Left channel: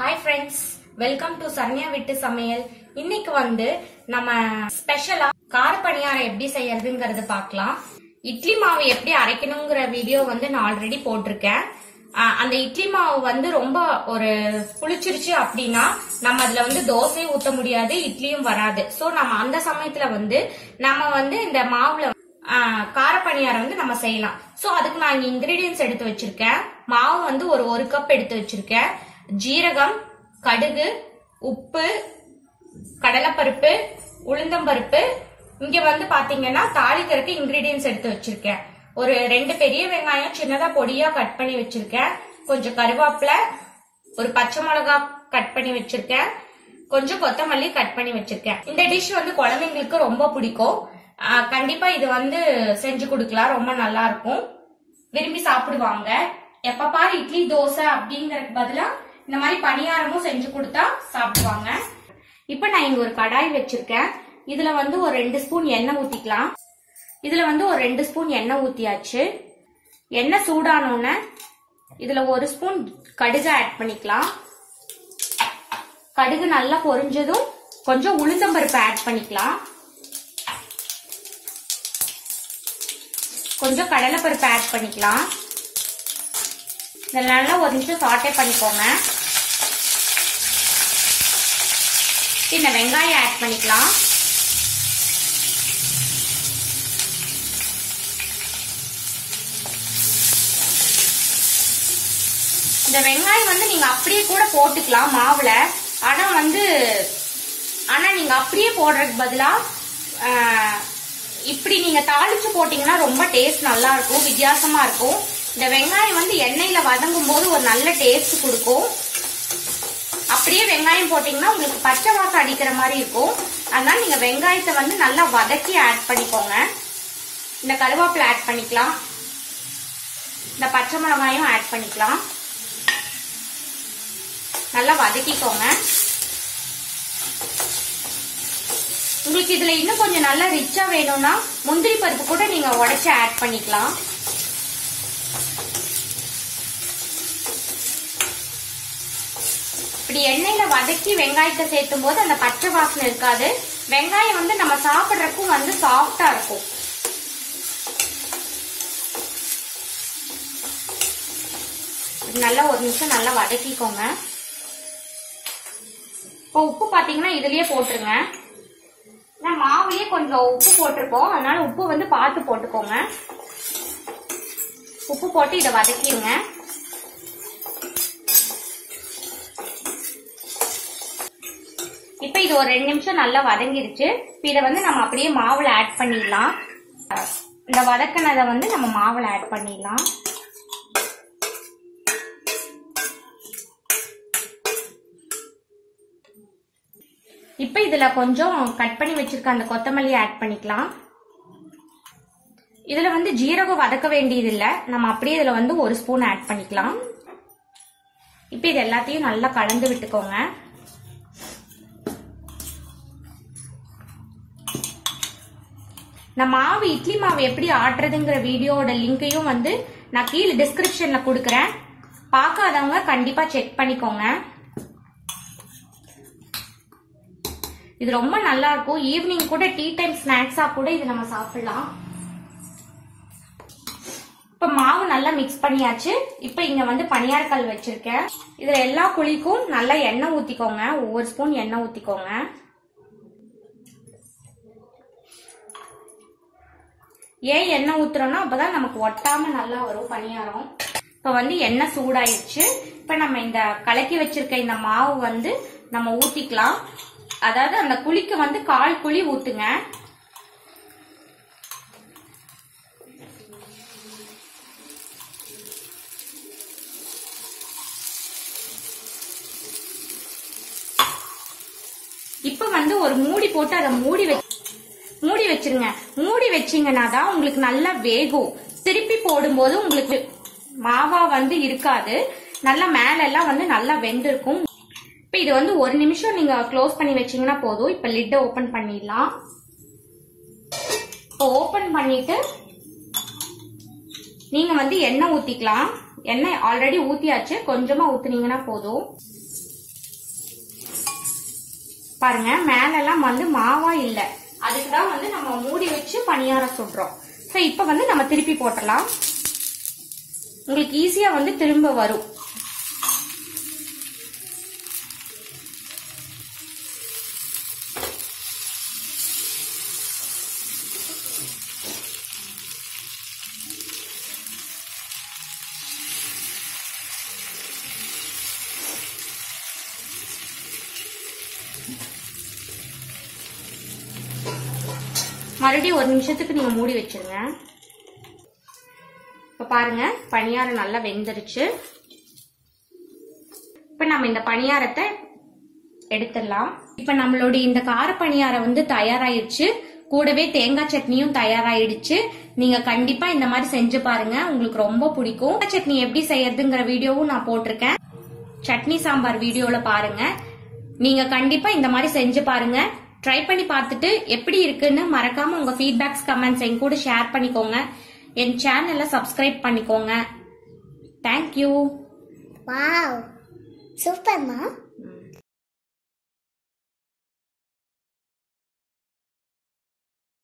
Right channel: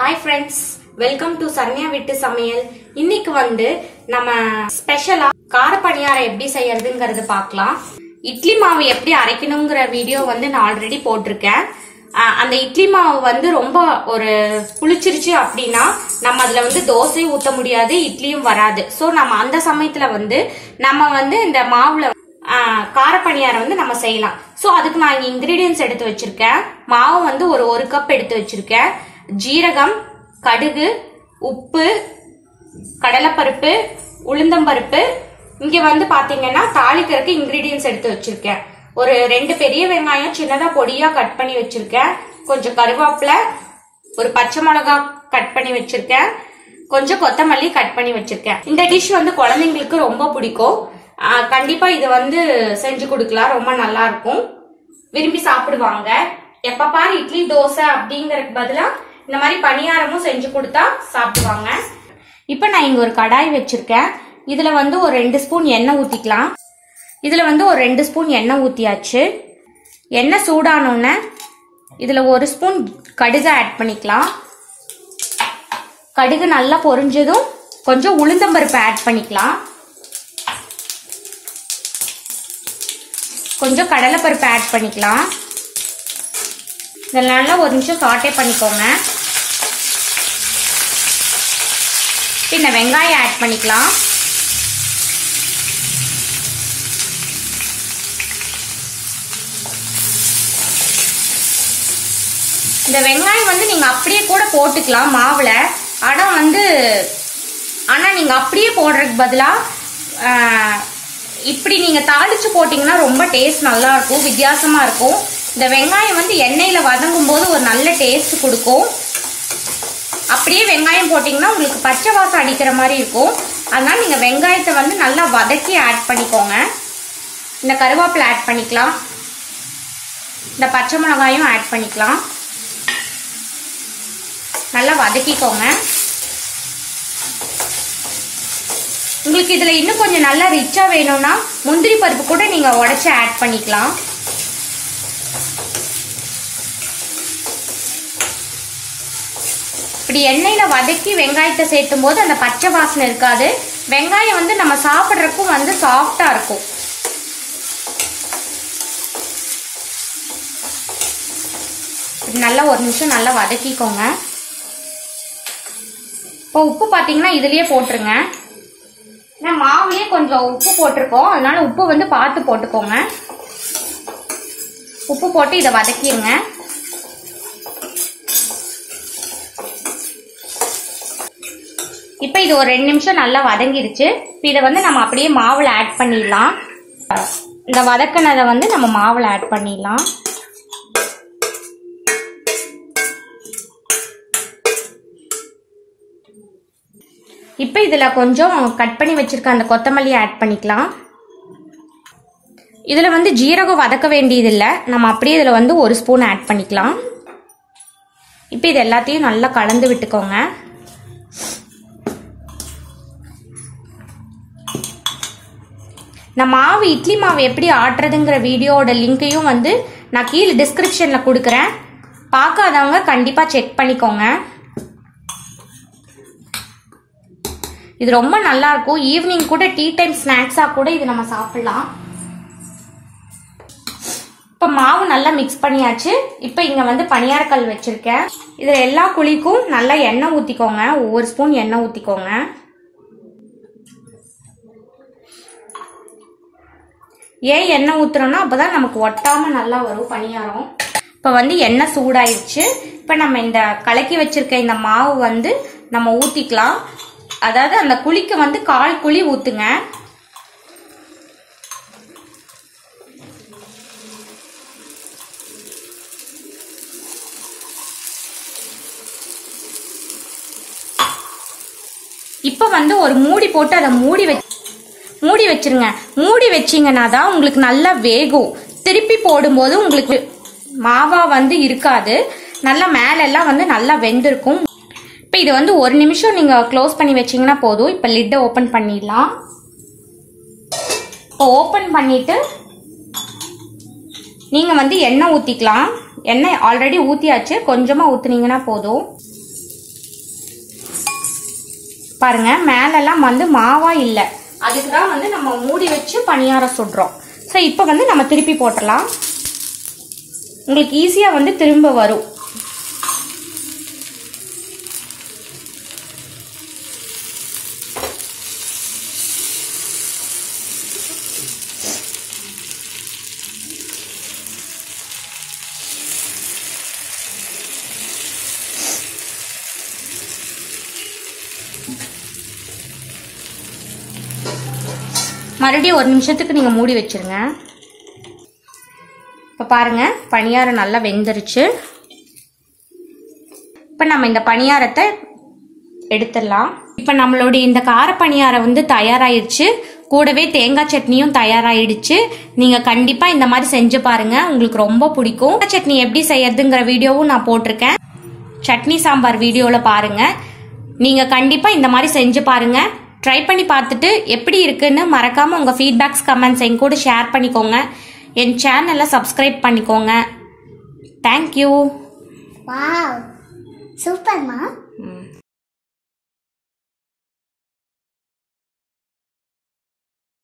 Hi friends, welcome to saranya Veetu Samayal. இன்னைக்கு வந்து நம்ம ஸ்பெஷலா கார பணியாரம் எப்படி செய்யறதுங்கிறது பார்க்கலாம். இட்லி மாவு எப்படி அரைக்கணும்ங்கற வீடியோ வந்து நான் ஆல்ரெடி போட்டிருக்கேன். அந்த இட்லி மாவு வந்து ரொம்ப ஒரு புளிச்சிருச்சு அப்படினா நம்ம அதுல வந்து தோசை ஊத்த முடியாது, இட்லியும் வராது. சோ நம்ம அந்த சமயத்துல வந்து நம்ம வந்து இந்த மாவுல கார பணியாரம் வந்து நம்ம செய்யலாம். சோ அதுக்கு நான் இங்க இன்கிரிடியன்ட்ஸ் எடுத்து வச்சிருக்கேன். மாவு வந்து ஒரு கப் எடுத்து வச்சிருக்கேன். ஜீரகம், கடுகு, உப்பு, கடலைப்பருப்பு, உளுந்தம்பருப்பு. இங்க வந்து பாத்தீங்கன்னா தாளிக்கிறதுக்கு இன்கிரிடியன்ட்ஸ் எடுத்து வச்சிருக்கேன். ஒரு 2 பெரிய வெங்காயம் சின்னதா பொடியா கட் பண்ணி வச்சிருக்கேன். கொஞ்சம் கருவேப்பிலை, ஒரு பச்சை மிளகாய் கட் பண்ணி வச்சிருக்கேன். கொஞ்சம் கொத்தமல்லி கட் பண்ணி வச்சிருக்கேன். இந்த டிஷ் வந்து குழந்தைங்களுக்கு ரொம்ப பிடிக்கும். கண்டிப்பா இது வந்து செஞ்சு கொடுக்கலாம், ரொம்ப நல்லா இருக்கும், விரும்பி சாப்பிடுவாங்க. எப்ப பாரு இட்லி தோசை அப்படிங்கறதுக்கு பதிலா இந்த மாதிரி பணியாரமும் செஞ்சு கொடுத்தா சாப்பிடுவாங்க. இப்ப நான் இங்க ஒரு கடாய் வச்சிருக்கேன். இதுல வந்து ஒரு 2 ஸ்பூன் எண்ணெய் ஊத்திக்கலாம். இதுல வந்து ஒரு 2 ஸ்பூன் எண்ணெய் ஊத்தியாச்சு. எண்ணெய் சூடானோன்னு இதுல 1 ஸ்பூன் கடுகு ஆட் பண்ணிக்கலாம். கடுகு நல்லா பொரிஞ்சதும் கொஞ்சம் உளுந்தம்பருப்பு ஆட் பண்ணிக்கலாம். கொஞ்சம் கடலைப்பருப்பு ஆட் பண்ணிக்கலாம். இதெல்லாம் நல்லா ஒரு நிமிஷம் சாட்டே பண்ணிக்கோங்க. இந்த வெங்காயம் ஆட் பண்ணிக்கலாம். இந்த வெங்காயம் வந்து நீங்க அப்படியே கூட போட்டுக்கலாம் மாவுல. ஆனா நீங்க அப்படியே போடுறதுக்கு பதிலா இப்படி நீங்க தாளிச்சு போட்டீங்கன்னா ரொம்ப டேஸ்ட் நல்லா இருக்கும், வித்தியாசமா இருக்கும். இந்த வெங்காயம் வந்து எண்ணெயில வதங்கும் போது ஒரு நல்ல டேஸ்ட் கொடுக்கும். அப்படியே வெங்காயம் போட்டீங்கன்னா உங்களுக்கு பச்சை வாசம் அடிக்கிற மாதிரி இருக்கும். அதனால நீங்க வெங்காயத்தை வந்து நல்லா வதக்கி ஆட் பண்ணிக்கோங்க. இந்த கருவேப்பிலை ஆட் பண்ணிக்கலாம். இந்த பச்சை மிளகாயும் ஆட் பண்ணிக்கலாம். நல்லா வதக்கிக்கோங்க. உங்களுக்கு இதுல இன்னும் கொஞ்சம் நல்லா ரிச்சா வேணும்னா முந்திரி பருப்பு கூட நீங்க உடைச்சு ஆட் பண்ணிக்கலாம். இப்படி எண்ணெயில வதக்கி வெங்காயத்தை சேர்த்தும் போது அந்த பச்சை வாசனை இருக்காது. வெங்காயம் வந்து நம்ம சாப்பிட்றதுக்கும் வந்து சாஃப்டா இருக்கும். நல்லா ஒரு நிமிஷம் நல்லா வதக்கிக்கோங்க. இப்போ உப்பு பாத்தீங்கன்னா இதுலயே போட்டுருங்க. மாவுலயே கொஞ்சம் உப்பு போட்டிருக்கோம், அதனால உப்பு வந்து பார்த்து போட்டுக்கோங்க. உப்பு போட்டு இதை வதக்கிடுங்க. இப்ப இது ஒரு 2 நிமிஷம் நல்லா வதங்கிடுச்சு. இதை வந்து நம்ம அப்படியே மாவுல ஆட் பண்ணிடலாம். இந்த வதக்கினதை வந்து நம்ம மாவுல ஆட் பண்ணிடலாம். இப்ப இதுல கொஞ்சம் கட் பண்ணி வச்சிருக்க அந்த கொத்தமல்லி ஆட் பண்ணிக்கலாம். இதுல வந்து ஜீரகம் வதக்க வேண்டியது இல்லை, நம்ம அப்படியே இதுல வந்து 1 ஸ்பூன் ஆட் பண்ணிக்கலாம். இப்ப இது எல்லாத்தையும் நல்லா கலந்து விட்டுக்கோங்க. நான் மாவு இட்லி மாவு எப்படி ஆட்டுறதுங்கிற வீடியோட லிங்கையும் வந்து நான் கீழே டிஸ்கிரிப்ஷன்ல கொடுக்குறேன். பார்க்காதவங்க கண்டிப்பா செக் பண்ணிக்கோங்க. இது ரொம்ப நல்லா இருக்கும். ஈவினிங் கூட டீ டைம் ஸ்நாக்ஸா கூட இது நம்ம சாப்பிடலாம். இப்ப மாவு நல்லா மிக்ஸ் பண்ணியாச்சு. இப்ப இங்க வந்து பணியாரக்கல் வச்சிருக்கேன். இதுல எல்லா குழிக்கும் நல்லா எண்ணெய் ஊத்திக்கோங்க. ஒவ்வொரு ஸ்பூன் எண்ணெய் ஊத்திக்கோங்க. ஏன் எண்ணெய் ஊத்துறோம்னா அப்பதான் நமக்கு ஒட்டாம நல்லா வரும் பணியாரம். இப்ப வந்து எண்ணெய் சூடாயிருச்சு. இப்ப நம்ம இந்த கலக்கி வச்சிருக்க இந்த மாவு வந்து நம்ம ஊத்திக்கலாம். அதாவது அந்த குழிக்கு வந்து 1/4 குழி ஊத்துங்க. இப்ப வந்து ஒரு மூடி போட்டு அதை மூடி வச்சிருங்க. மூடி வச்சீங்கன்னா தான் உங்களுக்கு நல்லா வேகும். திருப்பி போடும்போது உங்களுக்கு மாவா வந்து இருக்காது, நல்லா மேல எல்லாம் வந்து நல்லா வெந்திருக்கும். இப்ப இது வந்து 1 நிமிஷம் நீங்க க்ளோஸ் பண்ணி வச்சீங்கன்னா போதும். இப்ப லிட்டை ஓபன் பண்ணிடலாம். இப்போ ஓபன் பண்ணிட்டு நீங்க வந்து எண்ணெய் ஊத்திக்கலாம். எண்ணெய் ஆல்ரெடி ஊத்தியாச்சு, கொஞ்சமா ஊத்துனீங்கன்னா போதும். பாருங்க மேலெல்லாம் வந்து மாவா இல்லை, அதுக்கு தான் வந்து நம்ம மூடி வச்சு பணியாரம் சுடுறோம். ஸோ இப்போ வந்து நம்ம திருப்பி போட்டலாம். உங்களுக்கு ஈஸியாக வந்து திரும்ப வரும். மறுபடியும் 1 நிமிஷத்துக்கு நீங்கள் மூடி வச்சிருங்க. இப்போ பாருங்க பணியாரம் நல்லா வெந்துருச்சு. இப்போ நம்ம இந்த பணியாரத்தை எடுத்துடலாம். இப்போ நம்மளுடைய இந்த கார பணியாரம் வந்து தயாராகிடுச்சு. கூடவே தேங்காய் சட்னியும் தயாராகிடுச்சு. நீங்கள் கண்டிப்பாக இந்த மாதிரி செஞ்சு பாருங்க, உங்களுக்கு ரொம்ப பிடிக்கும். தேங்காய் சட்னி எப்படி செய்யறதுங்கிற வீடியோவும் நான் போட்டிருக்கேன். சட்னி சாம்பார் வீடியோவில் பாருங்க. நீங்கள் கண்டிப்பாக இந்த மாதிரி செஞ்சு பாருங்க. ட்ரை பண்ணி பார்த்துட்டு எப்படி இருக்குன்னு மறக்காம உங்க ஃபீட்பேக்ஸ் கமெண்ட்ஸ் என் கூட ஷேர் பண்ணிக்கோங்க. என் சேனலை சப்ஸ்கிரைப் பண்ணிக்கோங்க. தேங்க்யூ. வாவ், சூப்பர்மா.